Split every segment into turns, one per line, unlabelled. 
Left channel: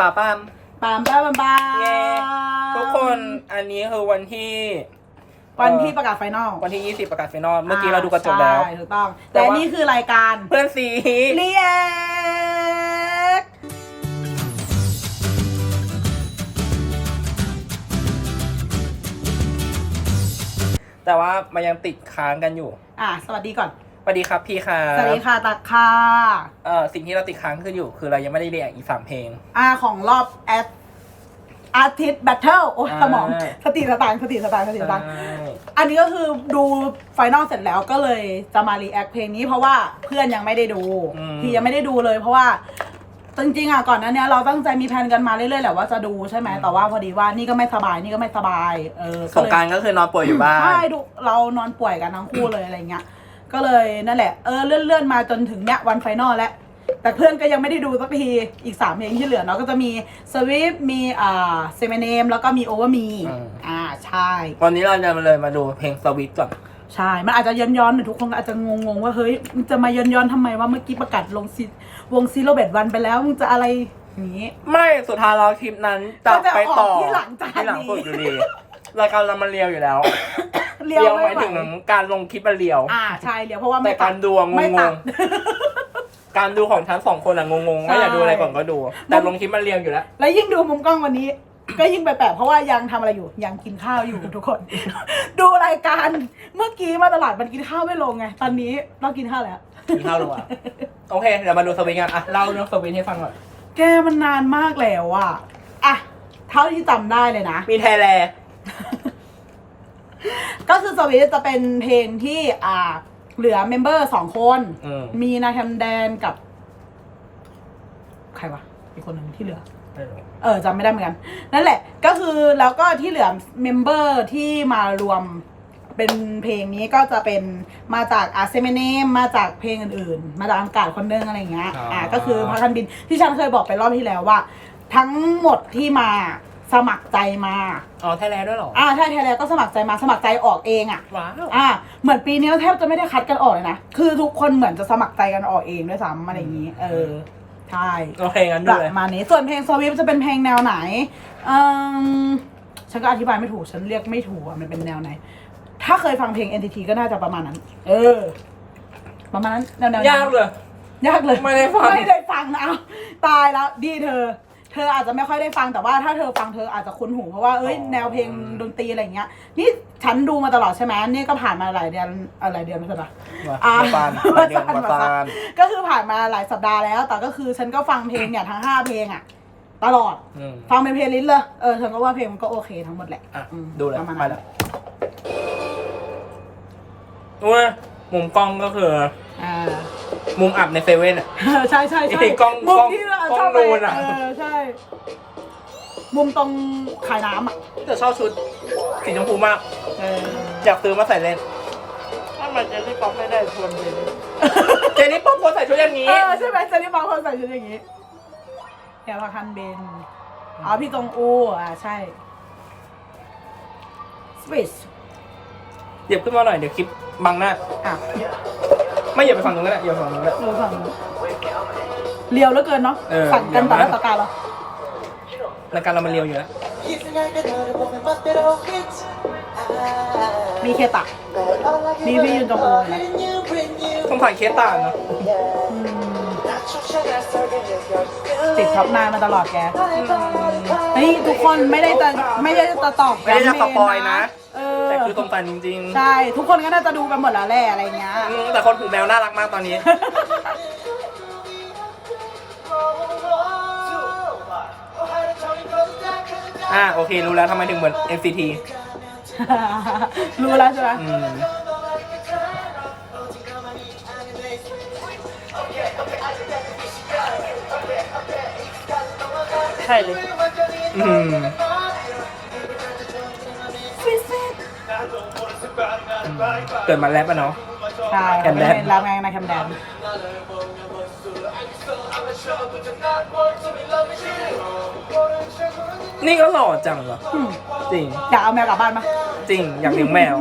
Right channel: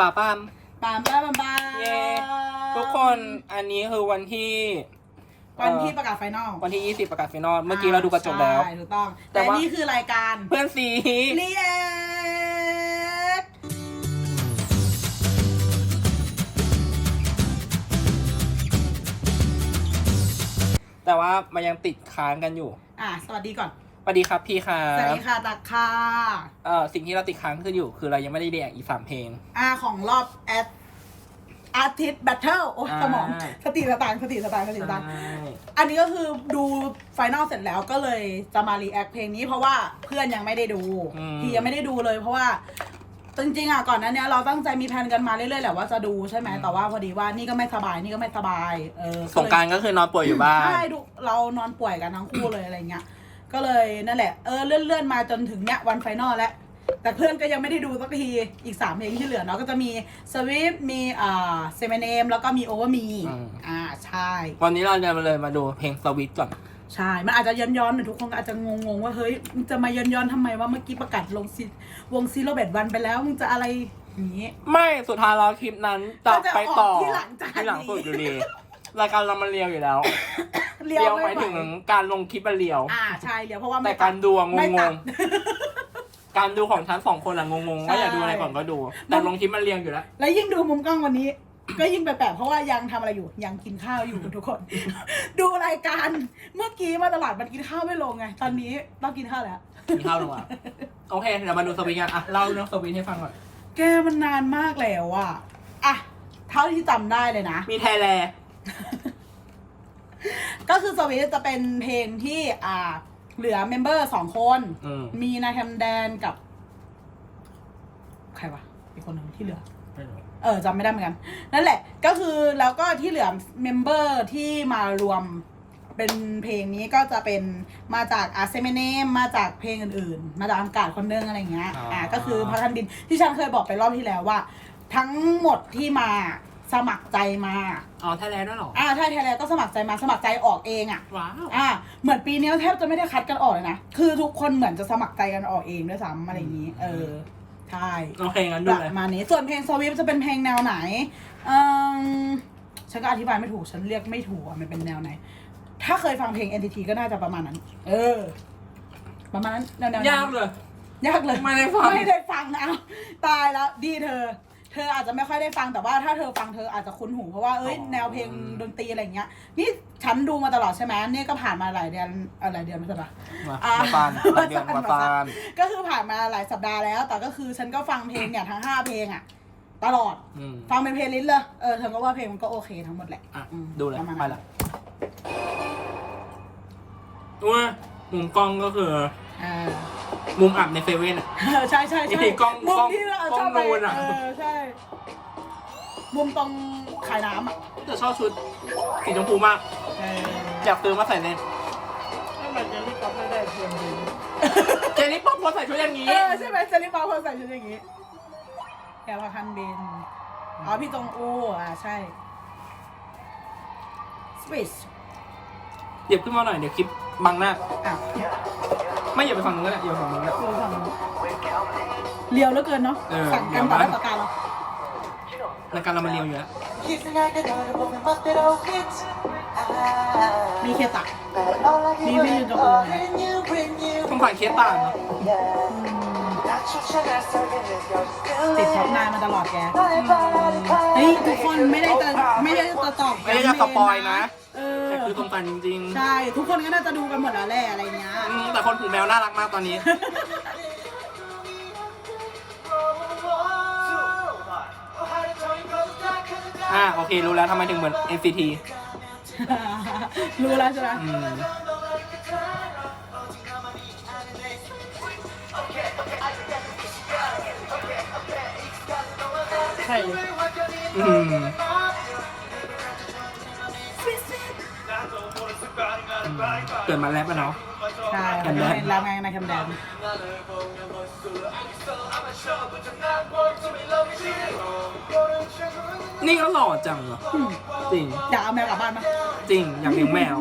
ป่าปาม
ปามปามปาม
เย้ทุกคนอันนี้คือวันที่
ประกาศไฟนอล
วันที่ 20 ประกาศไฟนอลเมื่อกี้เราดูกระจกแล้ว
ใช่ถูกต้อง
แต่
แต่
ว่า
นี่คือรายการ
เพื่อนซี
เรียก
แต่ว่ามันยังติดค้างกันอยู่
สวัสดีก่อน
สวัสดีครับพี่ครับ
สวัสดีค่ะตักค่ะ
สิ่งที่เราติดค้างคือเรายังไม่ได้เรียกอีก3เพลง
ของรอบอาร์ติสต์แบทเทิลโอ้ยสมองสติสตางค์อันนี้ก็คือดูไฟนอลเสร็จแล้วก็เลยจะมารีแอคเพลงนี้เพราะว่าเพื่อนยังไม่ได้ดูพี่ยังไม่ได้ดูเลยเพราะว่าจริงๆก่อนหน้านี้เราตั้งใจมีแผนกันมาเรื่อยๆแหละว่าจะดูใช่ไหมแต่ว่าพอดีว่านี่ก็ไม่สบาย
สงกรานต์ก็คือนอนป่วยอยู่บ้าน
ใช่ดูเรานอนป่วยกันทั้งคู่เลยอะไรเงี้ยก็เลยนั่นแหละเลื่อนมาจนถึงเนี้ยวันไฟนอลแล้วแต่เพื่อนก็ยังไม่ได้ดูสักทีอีก3เพลงที่เหลือเนาะก็จะมีสวิฟมีเซเมเนมแล้วก็มีโอเวอร์มีใช่
วันนี้เราจะมาดูเพลงสวิฟก่อน
ใช่มันอาจจะย้อนหรือทุกคนอาจจะงงว่าเฮ้ยมันจะมาย้อนทำไมว่าเมื่อกี้ประกาศลงวงซีโรเบตวันไปแล้วมึงจะอะไรอย่างนี้
ไม่สุดท้ายเราคลิปนั้นจะไปต่อ
ที่หลัง
สุดอยู่ดีรายการเรามันเรียวอยู่แล้ว
เรียว
หมายถึงการลงคลิปมันเรียว
ใช่เรียวเพราะว่า
แต่การดูงงการดูของฉัน2 คนงงไม่อยากดูอะไรก่อนก็ดูแต่ลงคลิปมันเรียวอยู่แล้ว
แล้วยิ่งดูมุมกล้องวันนี้ก็ยิ่งแปลกๆเพราะว่ายังทำอะไรอยู่ยังกินข้าวอยู่ทุกคน ดูรายการเมื่อกี้มาตลาดมันกินข้าวไม่ลงไงตอนนี้เรากินข้าวแล้ว
กินข้าวลงอ่ะโอเคเดี๋ยวมาดูสวิงกันเล่าเรื่องสวิงให้ฟังก่อน
แกมันนานมากแล้วเท่าที่จำได้เลยนะ
มีไทยแลนด์
ก็คือสวิตจะเป็นเพลงที่เหลือเมมเบอร์2 คนมีนาแคมแดนกับใครวะอีกคนหนึ่งที่เหลือจำไม่ได้เหมือนกันนั่นแหละก็คือแล้วก็ที่เหลือเมมเบอร์ที่มารวมเป็นเพลงนี้ก็จะเป็นมาจากเซเมเนมมาจากเพลงอื่นๆมาจากอากาศคนนึงอะไรเงี้ยก็คือพักกันบินที่ฉันเคยบอกไปรอบที่แล้วว่าทั้งหมดที่มาสมัครใจมา
ไทยแลนด์ด้วยหรอ
ใช่ไทยแลนด์ก็สมัครใจมาสมัครใจออกเอง
ว้าว
เหมือนปีนี้แทบจะไม่ได้คัดกันออกเลยนะคือทุกคนเหมือนจะสมัครใจกันออกเองด้วยซ้ำอะไรอย่างนี้ใช่
โอเคงั้นดูเลย
มานี้ส่วนเพลงสวิฟจะเป็นเพลงแนวไหนฉันก็อธิบายไม่ถูกฉันเรียกไม่ถูกมันเป็นแนวไหนถ้าเคยฟังเพลง NTT ก็น่าจะประมาณนั้นประมาณนั้นแนวย
ากเลย
ไม่ได้ฟังนะตายแล้วดีเธออาจจะไม่ค่อยได้ฟังแต่ว่าถ้าเธอฟังเธออาจจะคุ้นหูเพราะว่าแนวเพลงดนตรีอะไรเงี้ยนี่ฉันดูมาตลอดใช่ไหมนี่ก็ผ่านมาหลายเดือนไม่ใช่ปะ
มาฟาน
ก็คือผ่านมาหลายสัปดาห์แล้วแต่ก็คือฉันก็ฟังเพลงเนี่ยทั้ง5 เพลงตลอดฟังเป็นเพลย์ลิสต์เลยฉันก็ว่าเพลงมันก็โอเคทั้งหมดแหละ
ดูเลยไปแล้วว่ามุมกล้องก็คือมุมอับในเซเว่น
ใช่
กล้อง
ที่เรา
ชอบนูน
ใช่มุมตรงขายน้ำ
แต่ชอบชุดสีชมพูมากอยากซื้อมาใส่เล่น
ถ้ามันเจลลี่ป๊อปไม่ได้คน
เจลลี่ป๊อปควรใส่ชุดอย่างนี้
ใช่ไหมเจลลี่ป๊อปควรใส่ชุดอย่างนี้แกว่าคันเบนพี่จงอูใช่สวิส
เหยียบขึ้นมาหน่อยเดี๋ยวคลิปบังหน้าไม่เหยียบไปฝั่งนู้นก็ได้เหยียบฝั่งนู้นแล้ว
เลียวแล้วเกินเนาะสั่งกันต่อหน้าต่อตาเรา
รายการเรามันเลียวอยู่แล้ว
มีเคตักมีพี่ยืนตรงนู้นไหม
ผมผ่านเคตาเนาะ
ติดท็อปนายมาตลอดแกเฮ้ยทุกคนไม่ได้จะตอบ
ไม่ได้จะสปอยนะแต่คือตรงตาจริง
ๆใช่ทุกคนก็น่าจะดูกันหมดแล้วแหละอะไรเงี้ย
แต่คนผูกแมวน่ารักมากตอนนี้โอเครู้แล้วทำไมถึงเหมือน NCT
รู้แล้วใช่ไหมใช่เลย
เกิดมาแรปเนาะ
ใช่แคมแดนแรปไงนะแคมแดน
นี่ก็หล่อจังเหรอจริง
อยากเอาแมวกลับบ้านมั้ย
จริงอยากเลี้ยงแมว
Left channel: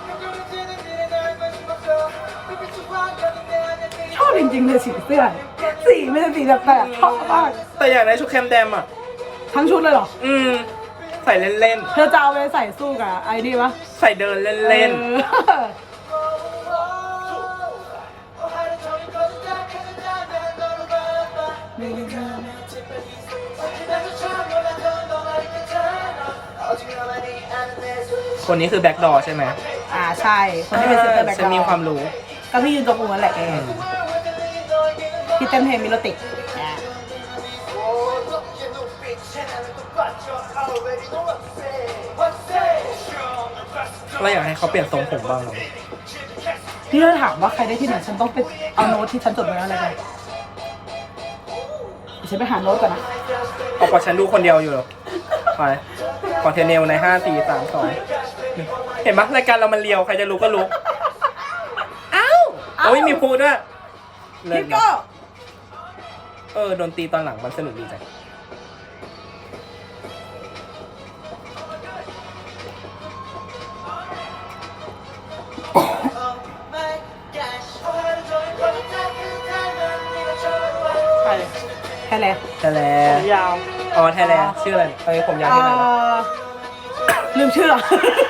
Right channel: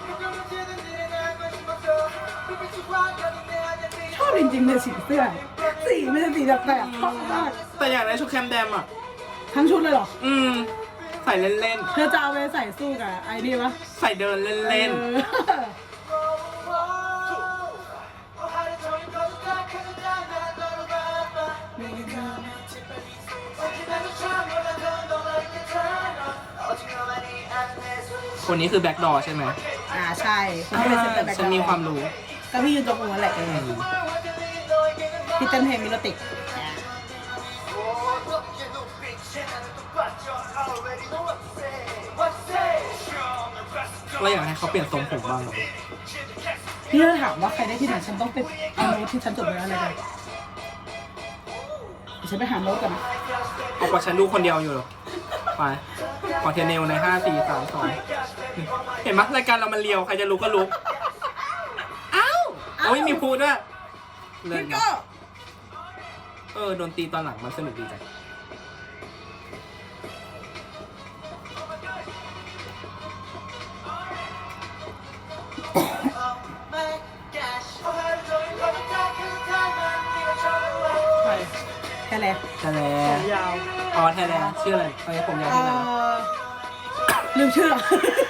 ชอบจริงๆเลยสีเสื้อสีไม่ใช่สีแปลกๆชอบมาก
แต่อยากได้ชุดแคมแดมอ่ะ
ทั้งชุดเลยเหรอ
ใส่เล่น
เธอจะเอาไปใส่สู้กับไอ้นี่วะ
ๆ ใส่เดินเล่น
เออ
ๆ คนนี้คือแบ็คดอร์ใช่ไหม
ใช่คนที่เป็นเซอร์แบ็ค
ฉันมีความรู้
ก็พี่ยืนตรงหัวแหละพี่เต้นเพลงมิโลติก
ก็อยากให้เขาเปลี่ยนทรงผมบ้างอะ
นี่เราถามว่าใครได้ที่ไหนฉันต้องไปเอาโน้ตที่ฉันจดไว้อะไรไปฉันไปหาโน้ตก่อนนะ
เอากว่าฉันดูคนเดียวอยู่ไปขอเทเนลใน 5 4 3 2 เห็นไหมรายการเรามันเลียว ใครจะรู้ก็รู้ อ้าวโอ้ยมีพูดด้วยเลิศ
พี่
นะ
ก็
ดนตรีตอนหลังมันสนุกดีจัง
ใช่แล้ว
แทแล
ยาว
อ๋อแทแลชื่ออะไรผมยาวชื่ออะไรนะ
ลืมชื่อ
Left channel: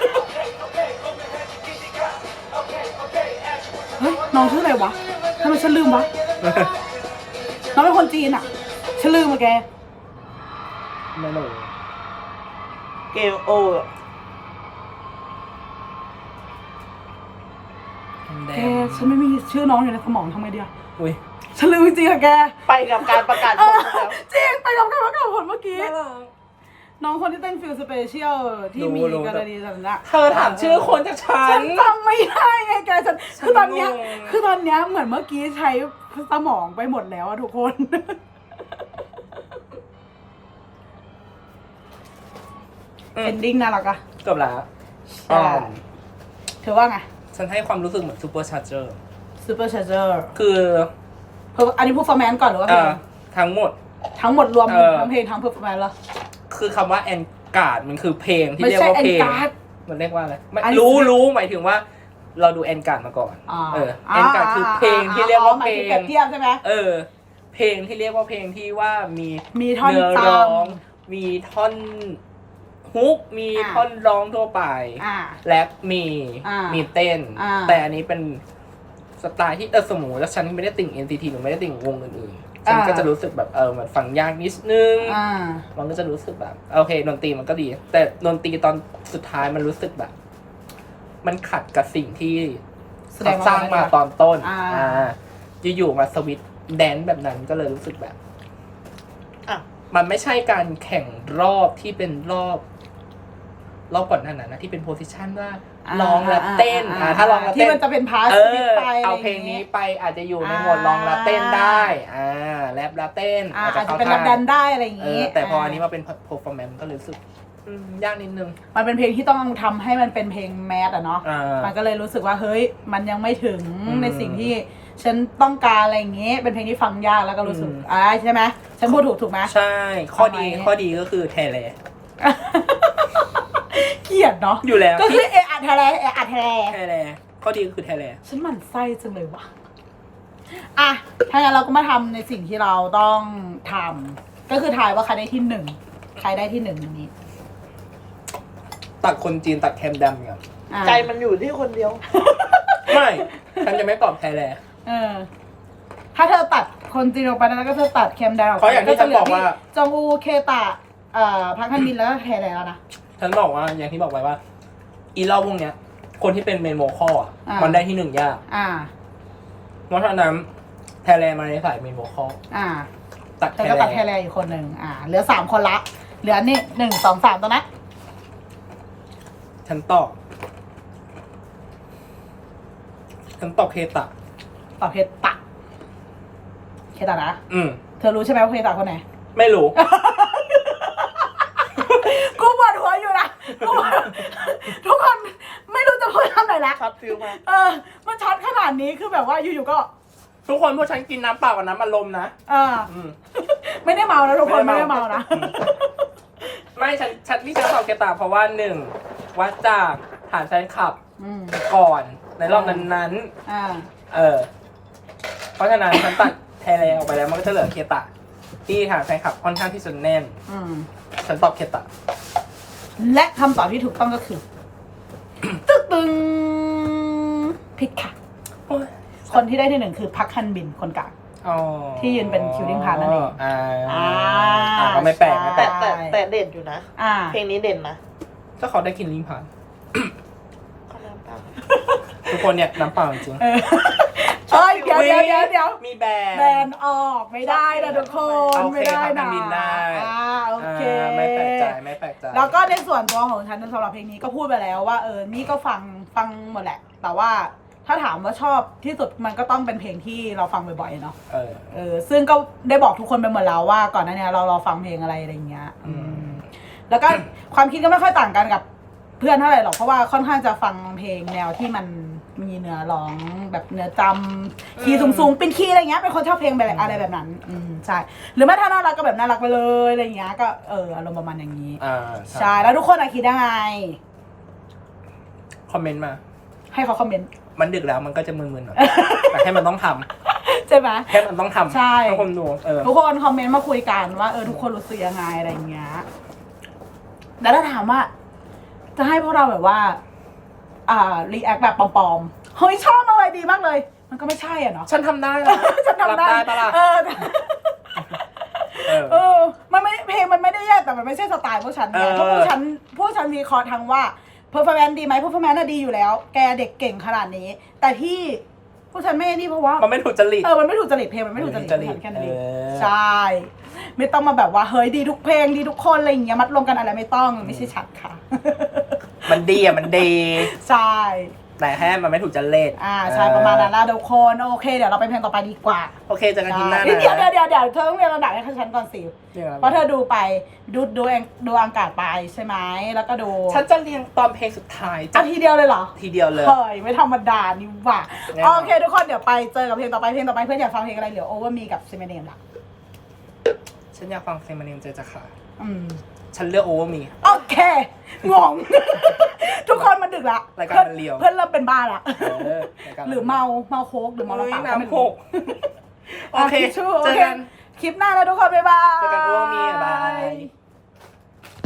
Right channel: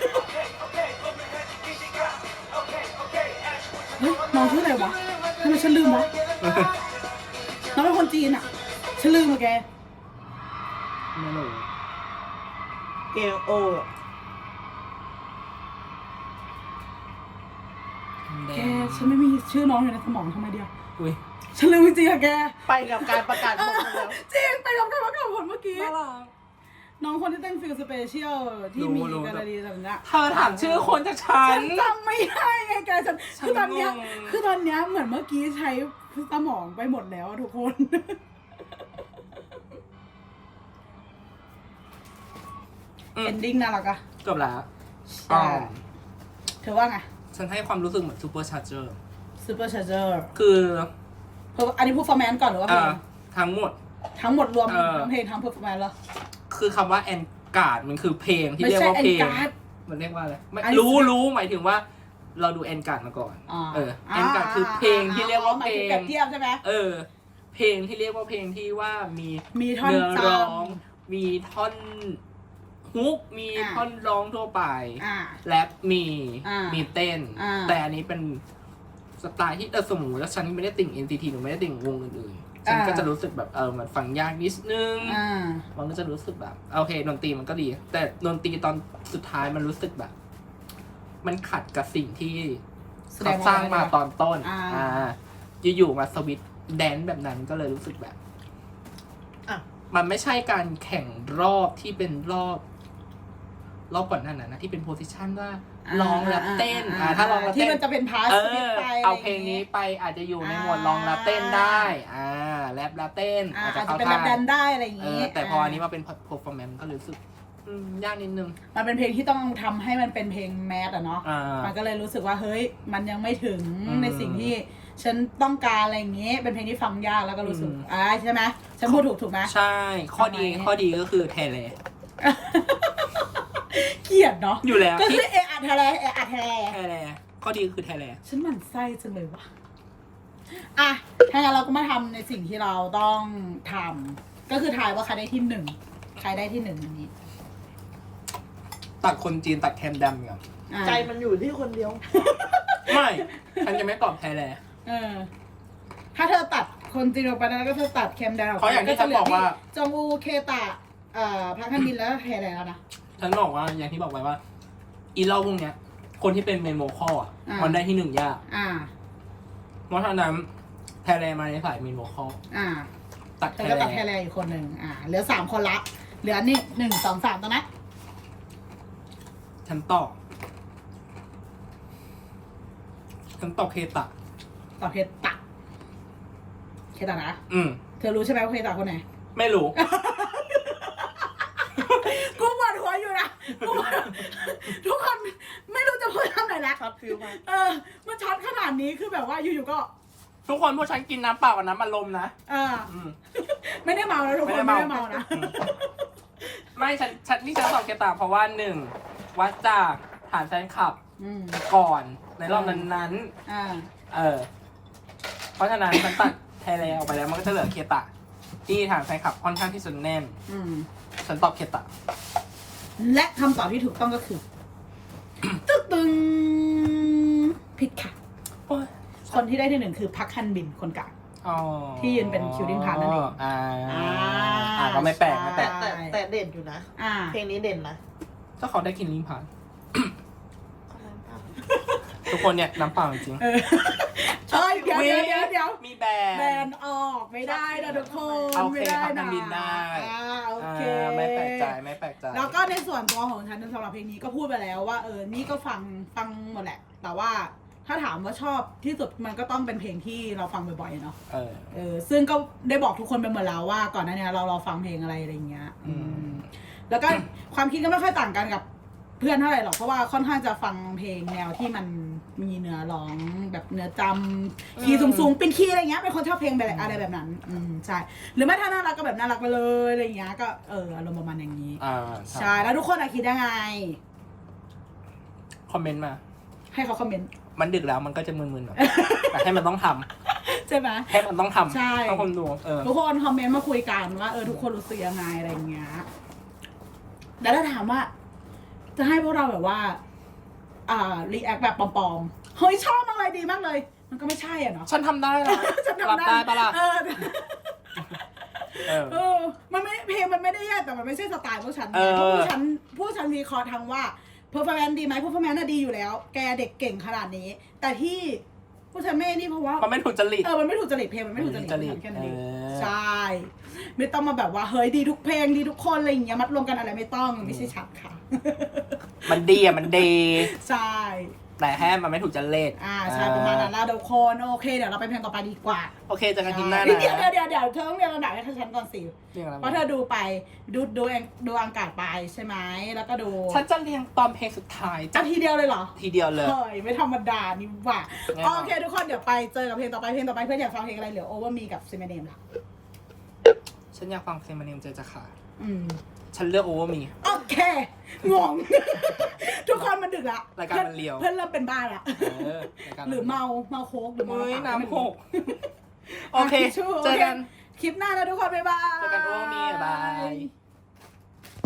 เฮ้ยน้องชื่ออะไรวะทำไมฉันลืมวะน้องเป็นคนจีนอ่ะฉันลืมมาแก
ไม่รู้
เกลโอ
แกฉันไม่มีชื่อน้องอยู่ในสมองทำไงดีอะ
อุ้ย
ฉันลืมจริงๆอะแก
ไปกับการประกาศผลแล้ว
จริงไปกับการประกาศผลเมื่อกี้น้องคนที่เต้นฟิลสเปเชียลที่มีกรณีแบบนั้น
เธอถามชื่อคนจากฉั
ฉั
น
นจำไม่ได้ไงแกฉันคือตอนเนี้ยเหมือนเมื่อกี้ใช้สมองไปหมดแล้วอะทุกคน เอนดิ้งน่ารักอะ
เกือบแล้ว
ใช่เธอว่าไง
ฉันให้ความรู้สึกเหมือนซูเปอร์ชาร์เจอร์
ซูเปอร์ชาร์เจอร์
คือ
อันนี้พูดฟอร์แมนก่อนหรือว่าเพลง
ทั้งหมด
ทั้งหมดรวมทั้งเพลงทั้งเพอร์ฟอร์แมนซ์เหรอ
คือคำว่าแอนการ์ดมันคือเพลงที่
ไม่
เรียก
ใช่
ว่า
แอน
เพลง
การ์ด
มันเรียกว่าอะไรไม่
อันนี้
รู้หมายถึงว่า เราดูแอนการ์ดมาก่อนแอนการ์ดคือเพลงที่เรียกว่าเพล
เปรี
ง
ยบเทียบใช่ไหม
เพลงที่เรียกว่าเพลงที่ว่ามี
ท่อน
เนื้อ
จ
ร้อง มีท่อนฮุกมีท่อนร้องทั่วไป
ำ
แรปมีเต้น แต่อันนี้เป็นสไตล์ที่สมมติว่าฉันไม่ได้ติ่ง NCT หรือไม่ได้ติ่งวงอื่นๆฉันก็จะรู้สึกแบบมันฟังยากนิดนึงมันก็จะรู้สึกแบบโอเคดนตรีมันก็ดี แต่ดนตรีตอนสุดท้ายมันรู้สึกแบบ มันขัดกับสิ่งที่เขาสร้างมาตอนต้นอยู่ๆมาสวิตช์แดนซ์แบบนั้นก็เลยรู้สึกแบบมันไม่ใช่การแข่งรอบที่เป็นรอบก่อนหน้านั้นนะที่เป็นโพสิชันว่าร้องและเต้นถ้าร้องและเต้น
ที่มันจะเป็นพาสไป
เอาเพลงนี้ไปอาจจะอยู่ในหมวดร้องและเต้นได้แรปและเต้นอาจจะเข้า
เป็น
ท่า
รับดันได้อะไรอย่างนี้
แต่พออันนี้มาเป็น performance ก็รู้สึกยากนิดนึง
มันเป็นเพลงที่ต้องทำให้มันเป็นเพลงแมสอะเนาะมันก็เลยรู้สึกว่าเฮ้ยมันยังไม่ถึงในสิ่งที่ฉันต้องการอะไรอย่างนี้เป็นเพลงที่ฟังยากแล้วก็รู้สึกใช่ไหมฉันพูดถูกไหม
ใช่ข้อดีก็คือแทเล
เกลียดเนาะ
อยู่แล้ว
ก็คืออัดแทเล
แทเลข้อดีก็คือแทเล
ฉันหมั่นไส้จังเลยว่ะถ้างั้นเราก็มาทำในสิ่งที่เราต้องทำก็คือทายว่าใครได้ที่หนึ่งใครได้ที่หนึ่งนี้
ตัดคนจีนตัดแคมแดมเนี่ย
ใจมันอยู่ที่คนเดียว
ไม่ฉันจะไม่ตอบแทเล
ถ้าเธอตัดคนจีนออกไปแล้วก็เธอตัดแคมดาว
เพราะอย่างที่ฉันบอกว่า
จงอูเคตะพักฮันบินแล้วก็แทแล้วนะ
ฉันบอกว่าอย่างที่บอกไปว่า อีเล่าพวกเนี้ย คนที่เป็นเมนโมคอลมันได้ที่หนึ่งยากเพราะฉะนั้นแทเลมาในสายเมนโมคอลตัดแท
ก็ตัดแทเลอีกคนหนึ่งเหลือ3 คนละเหลือนี่1 2 3ตัวนะ
ฉันตอบเคตะ
ตอบเคตะนะ เธอรู้ใช่ไหมว่าเคตะคนไหน
ไม่รู้
กูปวดหัวอยู่นะทุกคนไม่รู้จะพูดคำไหนละ
ช็อตฟิลมา
มันช็อตขนาดนี้คือแบบว่าอยู่ๆก็
ทุกคนพวกฉันกินน้ำเปล่ากับน้ำอัดลมนะ
ไม่ได้เมานะทุกคนไม่ได้เมานะ
ไม่ฉันที่ฉันตอบเคตะเพราะว่า1วัดจากฐานแฟนคลับก่อนในรอบนั้นเพราะฉะนั้นฉันตัดแทแล้วมันก็จะเหลือเคตะที่ฐานแฟนคลับค่อนข้างที่จะแน่นฉันตอบเคตะ
และคำตอบที่ถูกต้องก็คือ ตึงผิดค่ะคนที่ได้ที่หนึ่งคือพักฮันบินคนกลางที่ยืนเป็นคิวดิ้งพาร์ทนั่นเอง
ก็ไม่แปลก
แต่เด่นอยู่นะเพลงนี้เด่นนะ
ก็เขาได้กินลิ้นผ่านทุกคนเนี่ยน้ำเปล่าจริง
เดี๋ยว
มีแบน
ออกไม่ได้นะทุกคนไม่ได้นะโอเค
ไม่แปลกใจ
แล้วก็ในส่วนตัวของฉันสำหรับเพลงนี้ก็พูดไปแล้วว่านี่ก็ฟังหมดแหละแต่ว่าถ้าถามว่าชอบที่สุดมันก็ต้องเป็นเพลงที่เราฟังบ่อยๆเนาะซึ่งก็ได้บอกทุกคนไปหมดแล้วว่าก่อนหน้านี้เราฟังเพลงอะไรอย่างเงี้ยแล้วก็ความคิดก็ไม่ค่อยต่างกันกับเพื่อนเท่าไหร่หรอกเพราะว่าค่อนข้างจะฟังเพลงแนวที่มันมีเนื้อร้องแบบเนื้อจำคีย์สูงๆเป็นคีย์อะไรเงี้ยเป็นคนชอบเพลงแบบอะไรแบบนั้นใช่หรือแม้ถ้าน่ารักก็แบบน่ารักไปเลยอะไรเงี้ยก็อารมณ์ประมาณอย่างนี้ใช่แล้วทุกคนคิดยังไง
คอมเมนต์มา
ให้เขาคอมเมนต์
มันดึกแล้วมันก็จะมึนๆหน่อยแต่ให้มันต้องท
ำใช่ไหม
ให้มันต้องทำ
ใช่
ทุกคนดู
ทุกคนคอมเมนต์มาคุยกันว่าทุกคนรู้สึกยังไงอะไรเงี้ยแล้วถ้าถามว่าจะให้พวกเราแบบว่ารีแอคแบบปลอมๆเฮ้ยชอบอะไรดีมากเลยมันก็ไม่ใช่อ่ะเนาะ
ฉันทำได้
ฉันทำได้
ปะล่ะ
มันไม่เพลงมันไม่ได้แย่แต่มันไม่ใช่สไตล์พวกฉันเพราะพวกฉันมีคอทางว่าเพอร์ฟอร์แมนซ์ดีไหมเพอร์ฟอร์แมนซ์ดีอยู่แล้วแกเด็กเก่งขนาดนี้แต่ที่พวกฉันไม่นี่เพราะว่า
มันไม่ถูกจริต
มันไม่ถูกจริตเพลงมันไม่ถูกจริตแค่นั้นใช่ไม่ต้องมาแบบว่าเฮ้ยดีทุกเพลงดีทุกคนอะไรอย่างเงี้ยมัดรวมกันอะไรไม่ต้องไม่ใช่ฉันค่ะ
มันดีมันดี
ใช่
แต่แค่มันไม่ถูกจริต
ใช่ประมาณนั้นนะทุกคนโอเคเดี๋ยวเราไปเพลงต่อไปดีกว่า
โอเคจะกันทีหน้านะ
เดี๋ยวเธอต้องเรียนระดับให้ฉันก่อนสิเพราะเธอดูไปดูอังกาศไปใช่ไหมแล้วก็ดู
ฉันจะเรียงตอนเพลงสุดท้าย
ทีเดียวเลยเหรอ
ทีเดียวเลย
เฮ้ยไม่ธรรมดานี่หว่าโอเคทุกคนเดี๋ยวไปเจอกับเพลงต่อไปเพื่อนอยากฟังเพลงอะไรเดี๋ยวโอเวอร์มีกับซิเมเนมล่ะ
ฉันอยากฟังซิเมเนมเจจะค่ะฉันเลือกโอเวอร์มี
โอเคงงทุกคนมันดึกละ
รายการมันเลียว
เพื่อนเริ่มเป็นบ้าละหรือเมาโค้กหรือเมา
น้ำโคกโอเค
เจอกันคลิปหน้าแล้วทุกคนบ๊ายบาย
เจอกันโอเวอร์มีบาย